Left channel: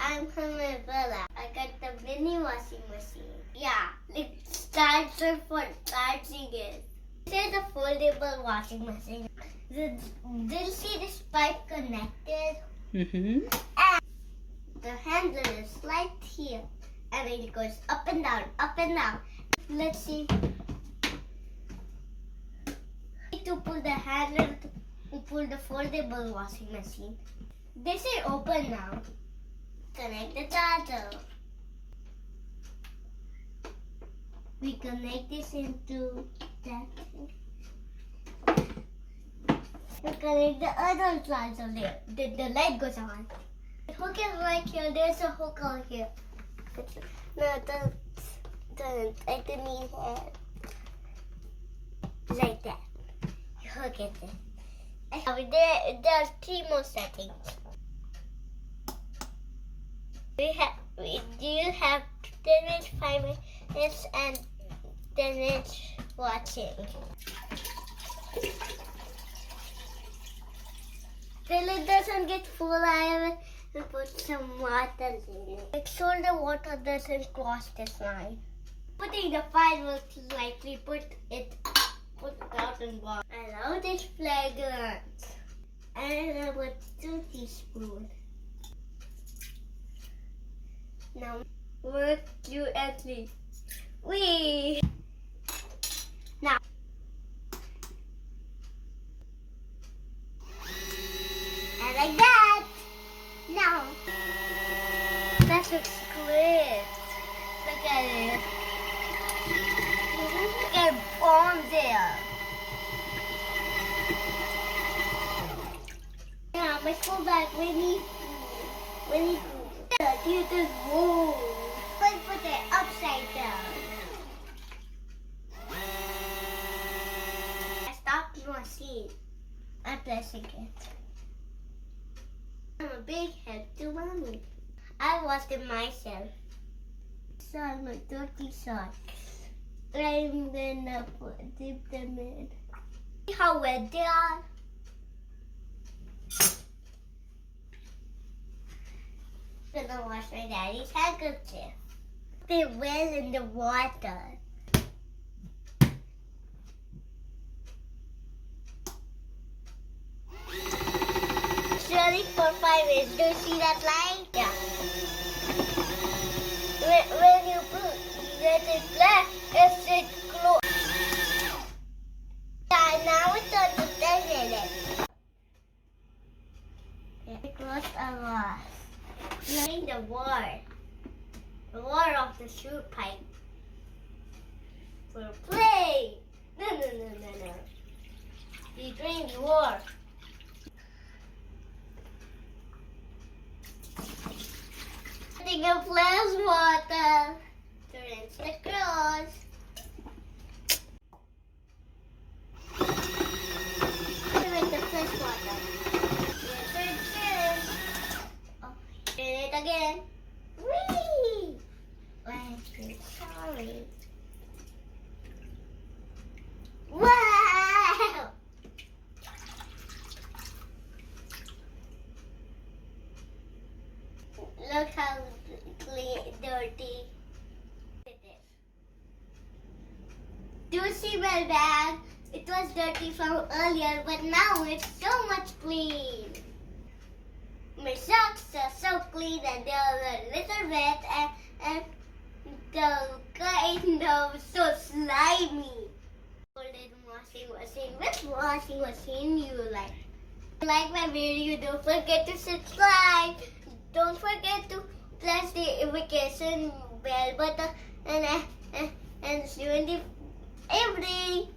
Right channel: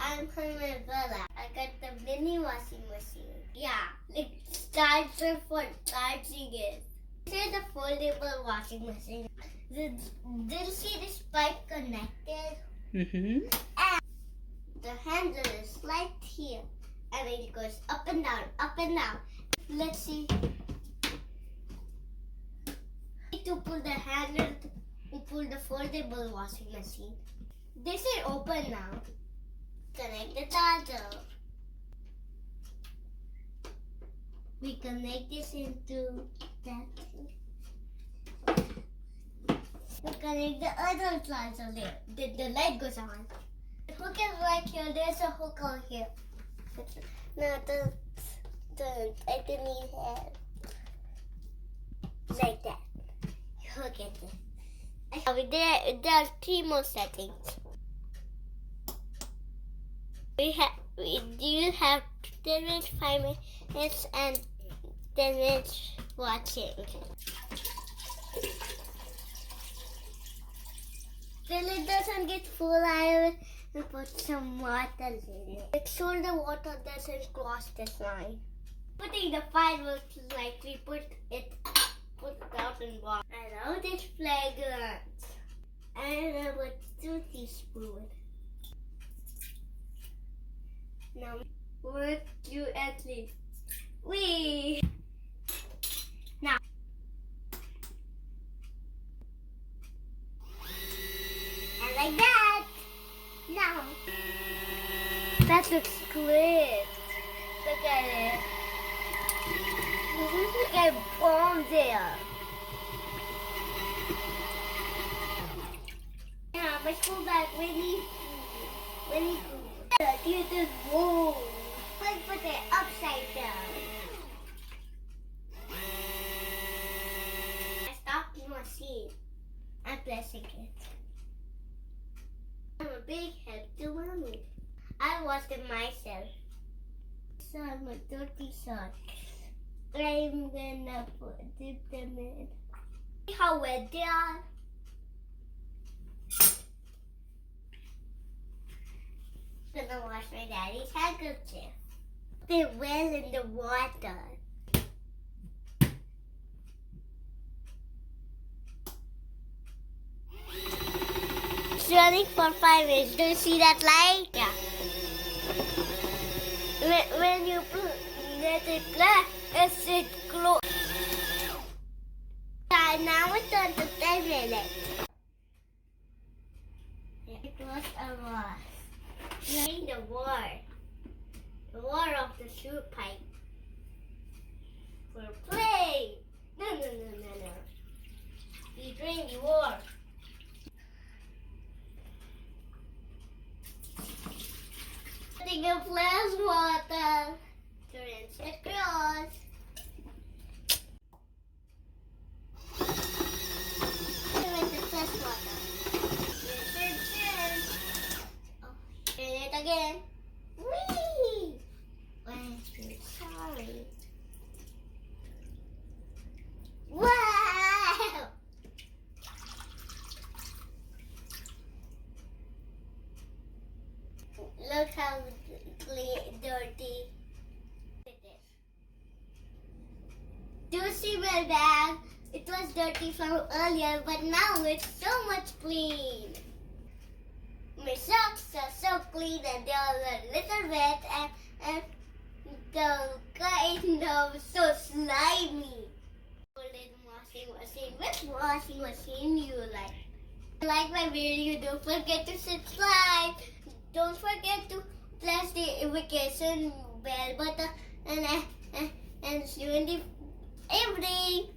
I'm from my brother. I got the mini washing machine. Yeah, it starts for charging it. This is a foldable washing machine. Did you see this pipe connected? Mm-hmm. And the handle is right here. And it goes up and down, up and down. Let's see. To pull the handle to pull the foldable washing machine. This is open now. Connect the charger. We connect this into that thing. We connect the other charger there. The light goes on. The hook is right here. There's a hook over here. No, don't. I don't need help. Like that. You hook it in. There are 3 more settings. You have 10 minutes, 5 minutes, and 10 minutes watching. Till it doesn't get full, I will put some water in it. Make sure the water doesn't cross this line. Putting the fireworks lightly, put it out in water. I love this fragrance. I love 2 teaspoons. Now work fluently. Wee. Now. And like that. Now. That looks great. Look at it. Look at bomb there. Yeah, my school bag really cool. It is whoa. Let's put it upside down. I stopped the machine. I'm pressing it. I'm a big help to mommy. I washed it myself. So I'm a dirty socks. I'm gonna dip them in. See how wet they are? I'm gonna wash my daddy's handkerchief. They well in the water. It's running for 5 minutes. Do you see that light? Yeah. When you let it black, it glows. Now it's on to 10 minutes. It was a loss. Playing the war of the soup pipe. For play. No. You drink the war. Putting a flash water to rinse the clothes. With the flash water. Turn it again. Whee! I'm sorry. Wow! Look how dirty it is. Do you see my bag? It was dirty from earlier, but now it's so much clean. My socks are so clean and they are a little wet and the kind of so slimy. Which washing machine you like? If you like my video, don't forget to subscribe. Don't forget to press the notification bell button and see you in the evening.